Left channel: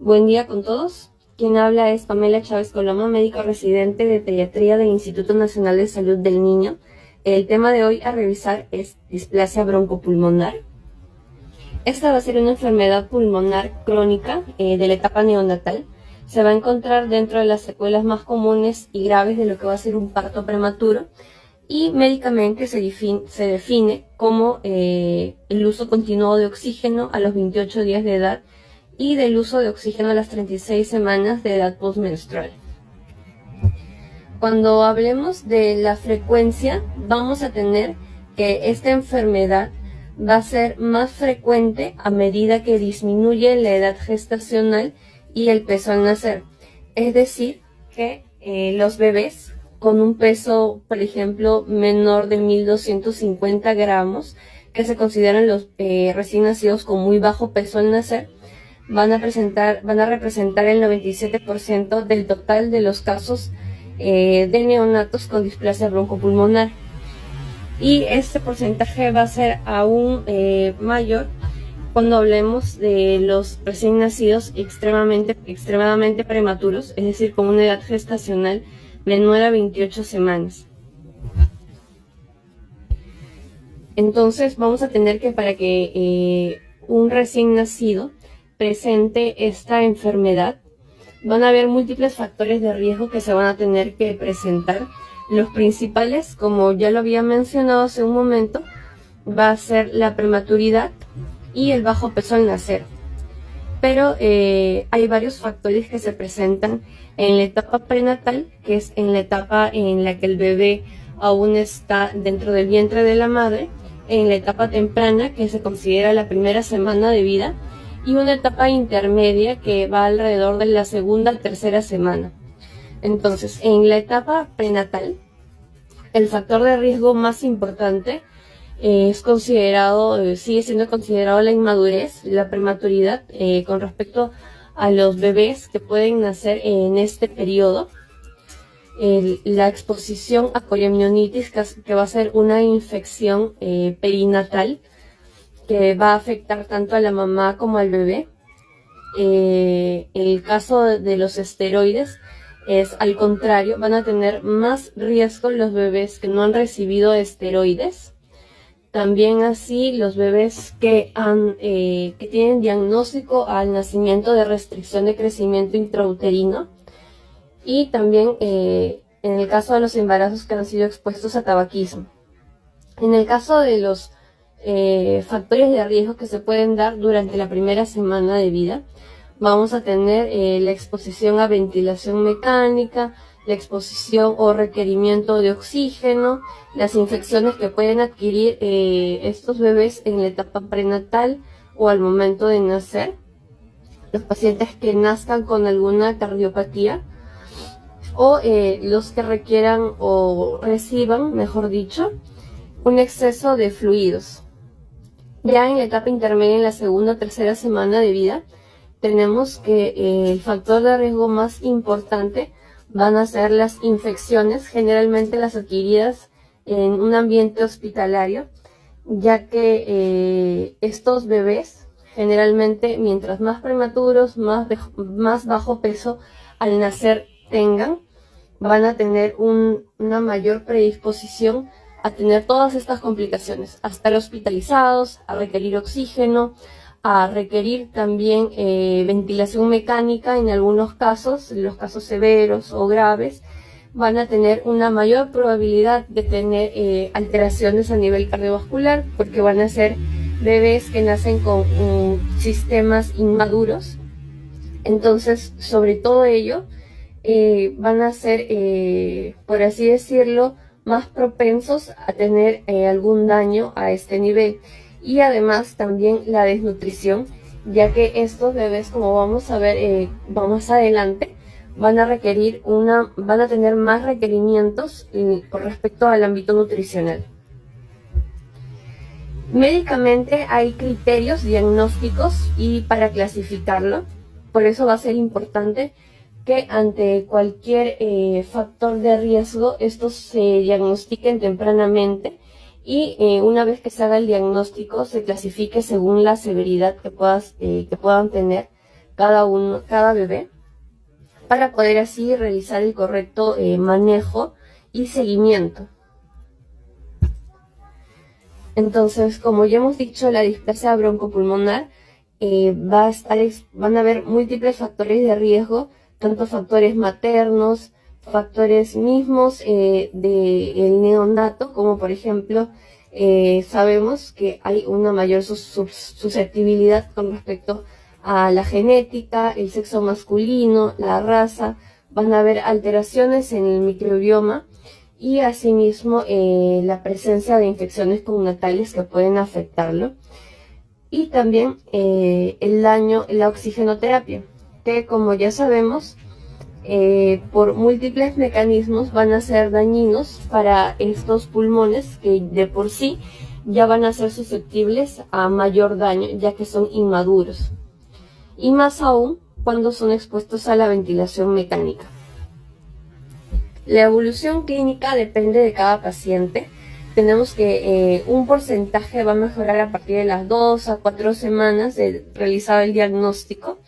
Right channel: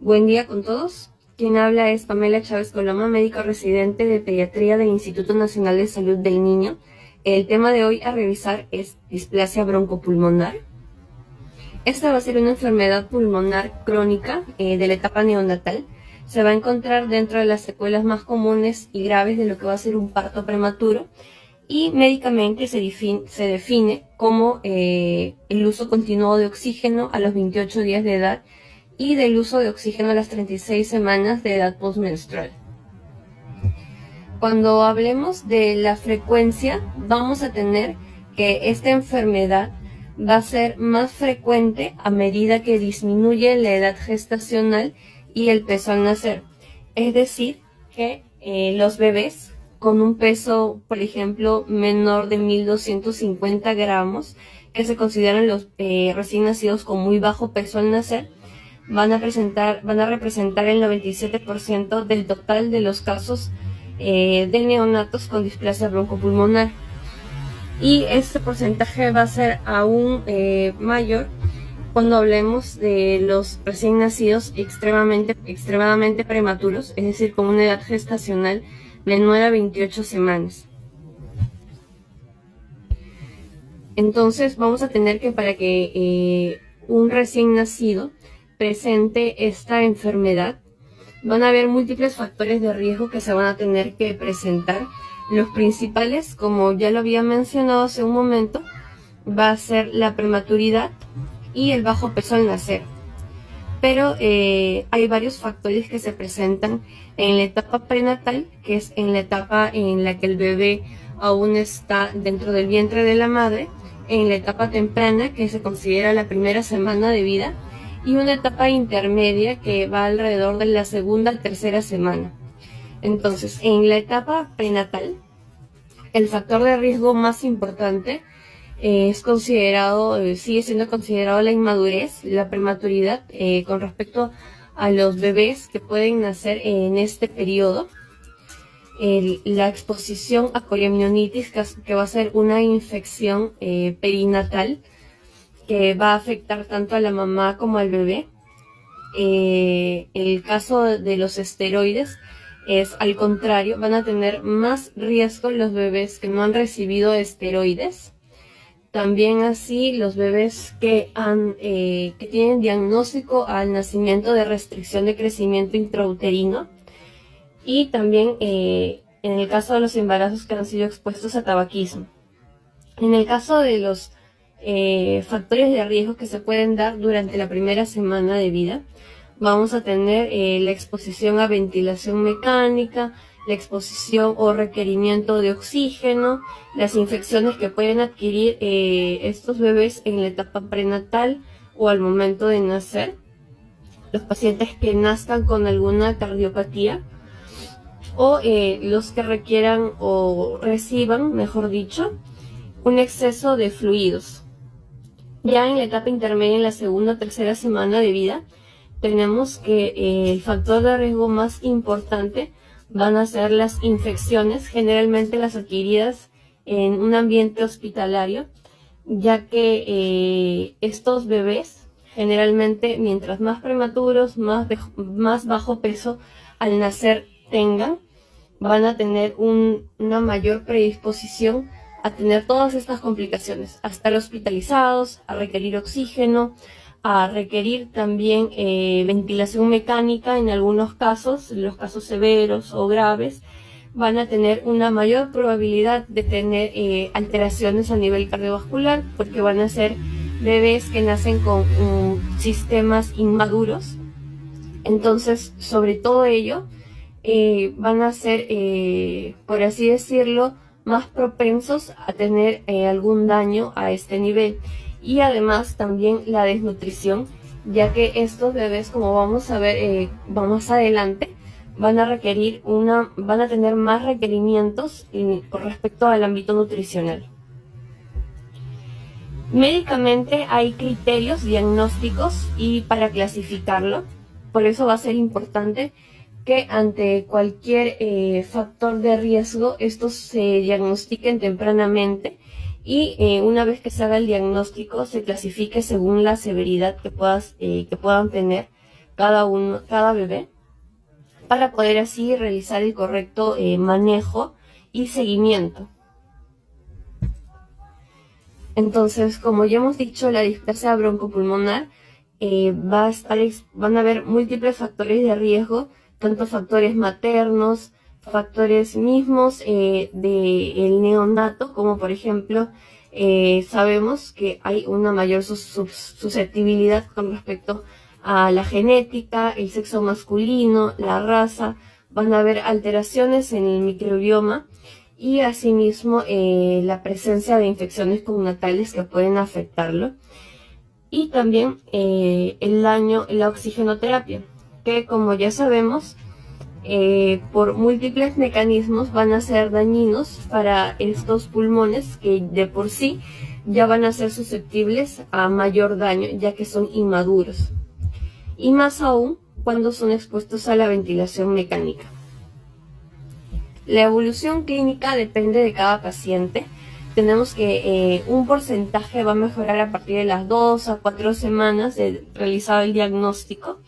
Buen día con todos. Quien habla es Pamela Chávez Coloma, médico residente de pediatría del Instituto Nacional de Salud del Niño. El tema de hoy a revisar es displasia broncopulmonar. Esta va a ser una enfermedad pulmonar crónica de la etapa neonatal. Se va a encontrar dentro de las secuelas más comunes y graves de lo que va a ser un parto prematuro, y médicamente se define como el uso continuo de oxígeno a los 28 días de edad y del uso de oxígeno a las 36 semanas de edad postmenstrual. Cuando hablemos de la frecuencia, vamos a tener que esta enfermedad va a ser más frecuente a medida que disminuye la edad gestacional y el peso al nacer. Es decir, que los bebés con un peso, por ejemplo, menor de 1.250 gramos, que se consideran los recién nacidos con muy bajo peso al nacer, van a representar el 97% del total de los casos de neonatos con displasia broncopulmonar. Y este porcentaje va a ser aún mayor cuando hablemos de los recién nacidos extremadamente prematuros, es decir, con una edad gestacional de 9 a 28 semanas. Entonces vamos a tener que para que un recién nacido presente esta enfermedad, van a haber múltiples factores de riesgo que se van a tener que presentar. Los principales, como ya lo había mencionado hace un momento, va a ser la prematuridad y el bajo peso al nacer. Pero hay varios factores que se presentan en la etapa prenatal, que es en la etapa en la que el bebé aún está dentro del vientre de la madre, en la etapa temprana, que se considera la primera semana de vida, y una etapa intermedia que va alrededor de la segunda a tercera semana. Entonces, en la etapa prenatal, el factor de riesgo más importante sigue siendo considerado la inmadurez, la prematuridad con respecto a los bebés que pueden nacer en este periodo. La exposición a coriamnionitis, que va a ser una infección perinatal que va a afectar tanto a la mamá como al bebé. En el caso de los esteroides, es al contrario, van a tener más riesgo los bebés que no han recibido esteroides. También así los bebés que tienen diagnóstico al nacimiento de restricción de crecimiento intrauterino, y también en el caso de los embarazos que han sido expuestos a tabaquismo. En el caso de los factores de riesgo que se pueden dar durante la primera semana de vida, vamos a tener la exposición a ventilación mecánica, la exposición o requerimiento de oxígeno, las infecciones que pueden adquirir estos bebés en la etapa prenatal o al momento de nacer, los pacientes que nazcan con alguna cardiopatía, o los que requieran o reciban, mejor dicho, un exceso de fluidos. Ya en la etapa intermedia, en la segunda o tercera semana de vida, tenemos que el factor de riesgo más importante van a ser las infecciones, generalmente las adquiridas en un ambiente hospitalario, ya que estos bebés generalmente, mientras más prematuros, más bajo peso al nacer tengan, van a tener una mayor predisposición a tener todas estas complicaciones, a estar hospitalizados, a requerir oxígeno, a requerir también ventilación mecánica en algunos casos, en los casos severos o graves, van a tener una mayor probabilidad de tener alteraciones a nivel cardiovascular, porque van a ser bebés que nacen con sistemas inmaduros. Entonces, sobre todo ello, van a ser, por así decirlo, más propensos a tener algún daño a este nivel. Y además también la desnutrición, ya que estos bebés, como vamos a ver más adelante, van a tener más requerimientos con respecto al ámbito nutricional. Médicamente hay criterios diagnósticos y para clasificarlo, por eso va a ser importante que ante cualquier factor de riesgo estos se diagnostiquen tempranamente, y una vez que se haga el diagnóstico se clasifique según la severidad que puedan tener cada bebé, para poder así realizar el correcto manejo y seguimiento. Entonces, como ya hemos dicho, la displasia broncopulmonar van a haber múltiples factores de riesgo, tanto factores maternos, factores mismos del neonato, como por ejemplo, sabemos que hay una mayor susceptibilidad con respecto a la genética, el sexo masculino, la raza. Van a haber alteraciones en el microbioma y asimismo la presencia de infecciones comunitarias que pueden afectarlo. Y también el daño en la oxigenoterapia, que como ya sabemos, por múltiples mecanismos van a ser dañinos para estos pulmones que de por sí ya van a ser susceptibles a mayor daño, ya que son inmaduros. Y más aún cuando son expuestos a la ventilación mecánica. La evolución clínica depende de cada paciente. Tenemos que un porcentaje va a mejorar a partir de las 2 a 4 semanas de realizado el diagnóstico.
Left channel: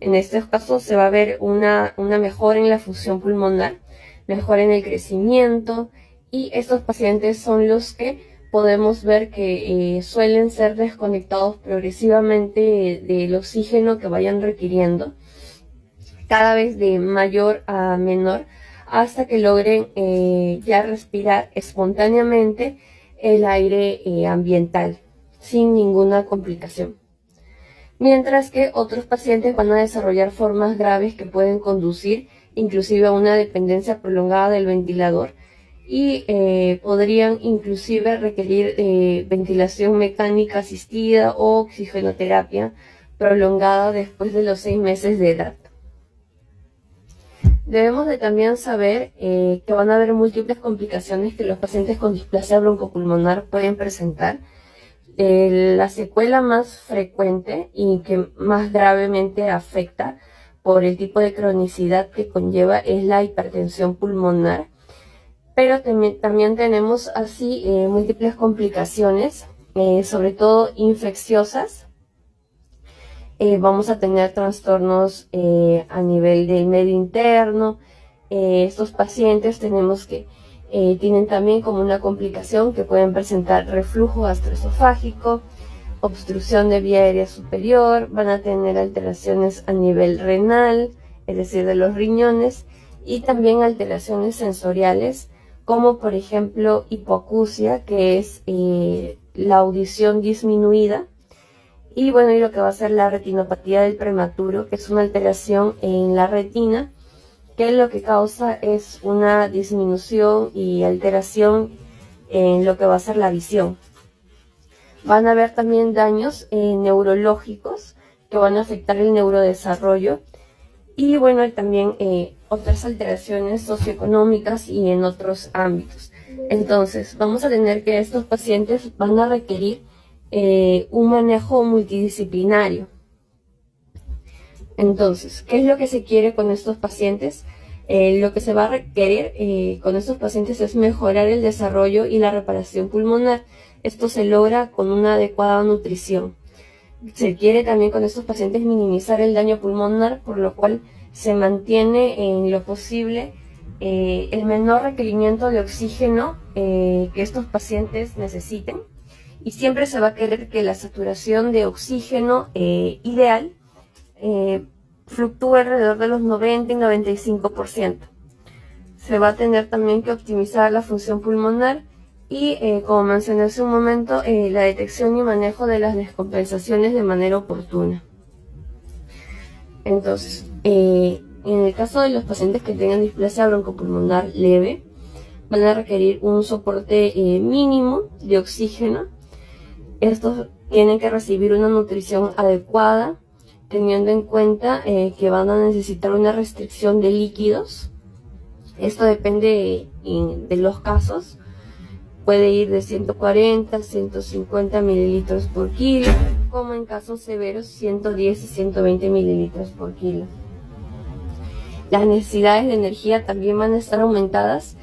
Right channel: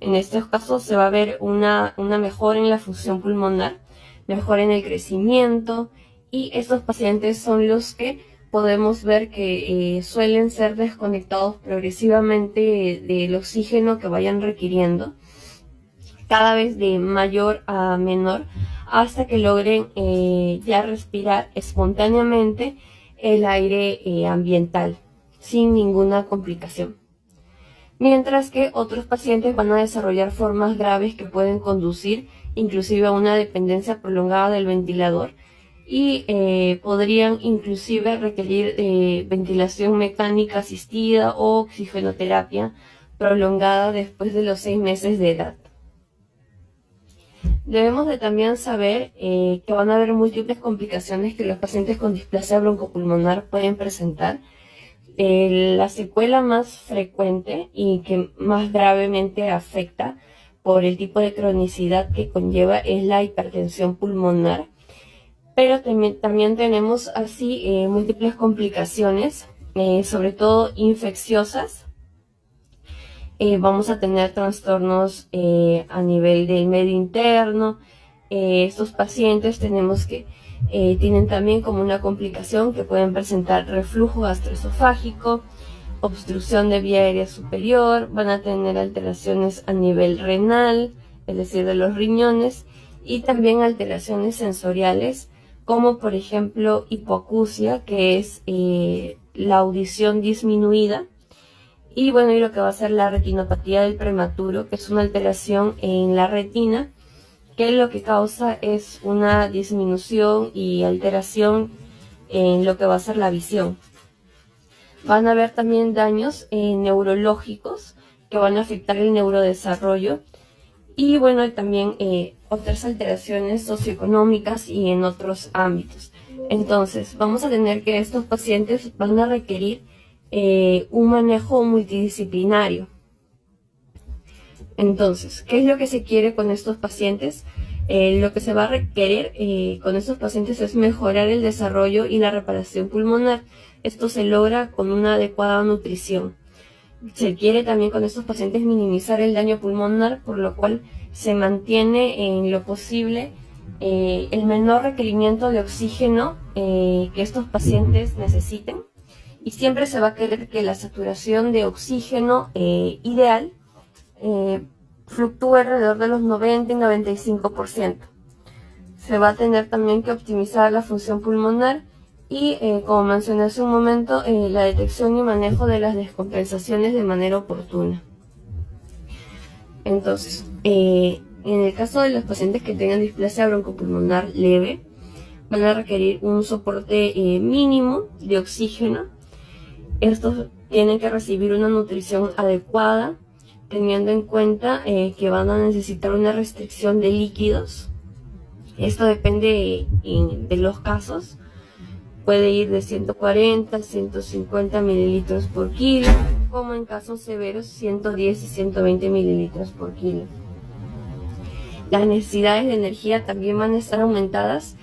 En estos casos se va a ver una mejora en la función pulmonar, mejora en el crecimiento, y estos pacientes son los que podemos ver que suelen ser desconectados progresivamente del oxígeno que vayan requiriendo, cada vez de mayor a menor, hasta que logren ya respirar espontáneamente el aire ambiental sin ninguna complicación. Mientras que otros pacientes van a desarrollar formas graves que pueden conducir inclusive a una dependencia prolongada del ventilador y podrían inclusive requerir ventilación mecánica asistida o oxigenoterapia prolongada después de los 6 meses de edad. Debemos de también saber que van a haber múltiples complicaciones que los pacientes con displasia broncopulmonar pueden presentar. La secuela más frecuente y que más gravemente afecta por el tipo de cronicidad que conlleva es la hipertensión pulmonar, pero también tenemos así múltiples complicaciones, sobre todo infecciosas. Vamos a tener trastornos a nivel del medio interno. Estos pacientes tienen también como una complicación que pueden presentar reflujo gastroesofágico, obstrucción de vía aérea superior, van a tener alteraciones a nivel renal, es decir, de los riñones, y también alteraciones sensoriales, como por ejemplo hipoacusia, que es la audición disminuida, y bueno, y lo que va a ser la retinopatía del prematuro, que es una alteración en la retina, que lo que causa es una disminución y alteración en lo que va a ser la visión. Van a haber también daños neurológicos que van a afectar el neurodesarrollo, y bueno, y también otras alteraciones socioeconómicas y en otros ámbitos. Entonces, vamos a tener que estos pacientes van a requerir un manejo multidisciplinario. Entonces, ¿qué es lo que se quiere con estos pacientes? Lo que se va a requerir con estos pacientes es mejorar el desarrollo y la reparación pulmonar. Esto se logra con una adecuada nutrición. Se quiere también con estos pacientes minimizar el daño pulmonar, por lo cual se mantiene en lo posible el menor requerimiento de oxígeno que estos pacientes necesiten, y siempre se va a querer que la saturación de oxígeno ideal fluctúa alrededor de los 90 y 95%. Se va a tener también que optimizar la función pulmonar y, como mencioné hace un momento, la detección y manejo de las descompensaciones de manera oportuna. Entonces, en el caso de los pacientes que tengan displasia broncopulmonar leve, van a requerir un soporte mínimo de oxígeno. Estos tienen que recibir una nutrición adecuada, teniendo en cuenta que van a necesitar una restricción de líquidos. Esto depende de los casos. Puede ir de 140 a 150 mililitros por kilo, como en casos severos 110 y 120 mililitros por kilo. Las necesidades de energía también van a estar aumentadas,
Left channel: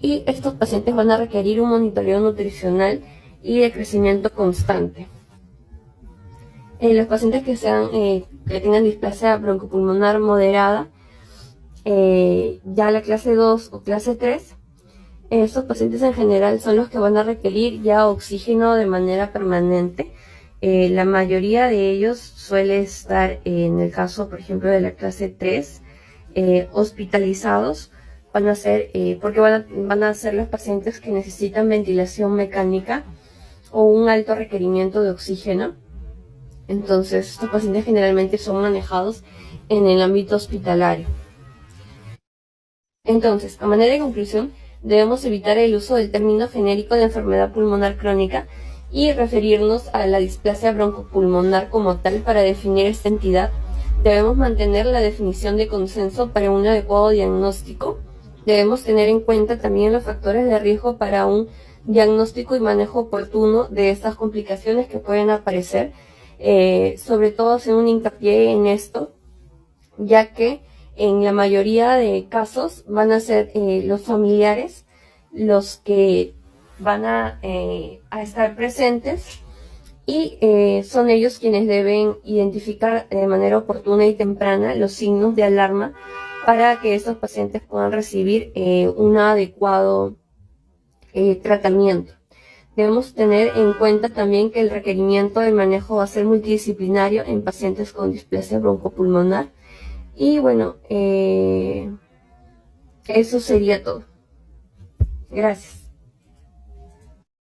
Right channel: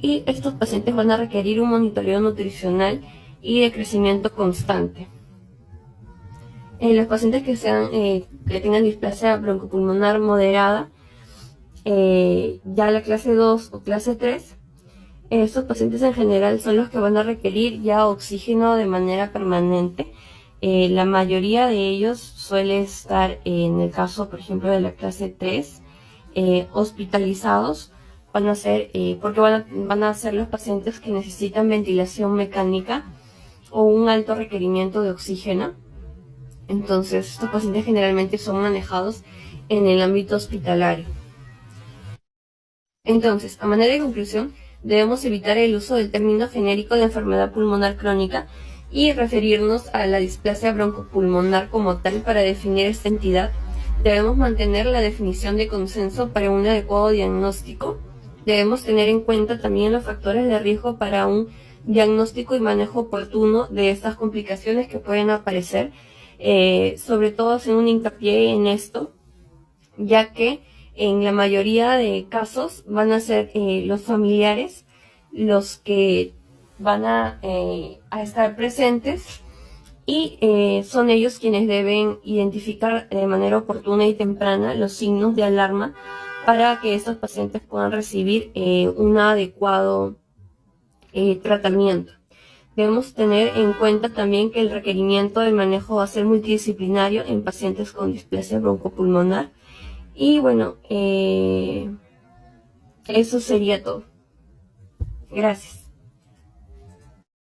y estos pacientes van a requerir un monitoreo nutricional y de crecimiento constante. Los pacientes que sean que tengan displasia broncopulmonar moderada, ya la clase 2 o clase 3, estos pacientes en general son los que van a requerir ya oxígeno de manera permanente. La mayoría de ellos suele estar, en el caso, por ejemplo, de la clase 3, hospitalizados. Van a ser, porque van a ser los pacientes que necesitan ventilación mecánica o un alto requerimiento de oxígeno. Entonces, estos pacientes generalmente son manejados en el ámbito hospitalario. Entonces, a manera de conclusión, debemos evitar el uso del término genérico de enfermedad pulmonar crónica y referirnos a la displasia broncopulmonar como tal para definir esta entidad. Debemos mantener la definición de consenso para un adecuado diagnóstico. Debemos tener en cuenta también los factores de riesgo para un diagnóstico y manejo oportuno de estas complicaciones que pueden aparecer. Sobre todo hacer un hincapié en esto, ya que en la mayoría de casos van a ser los familiares los que van a estar presentes y son ellos quienes deben identificar de manera oportuna y temprana los signos de alarma para que estos pacientes puedan recibir un adecuado tratamiento. Debemos tener en cuenta también que el requerimiento de manejo va a ser multidisciplinario en pacientes con displasia broncopulmonar. Y bueno, eso sería todo. Gracias.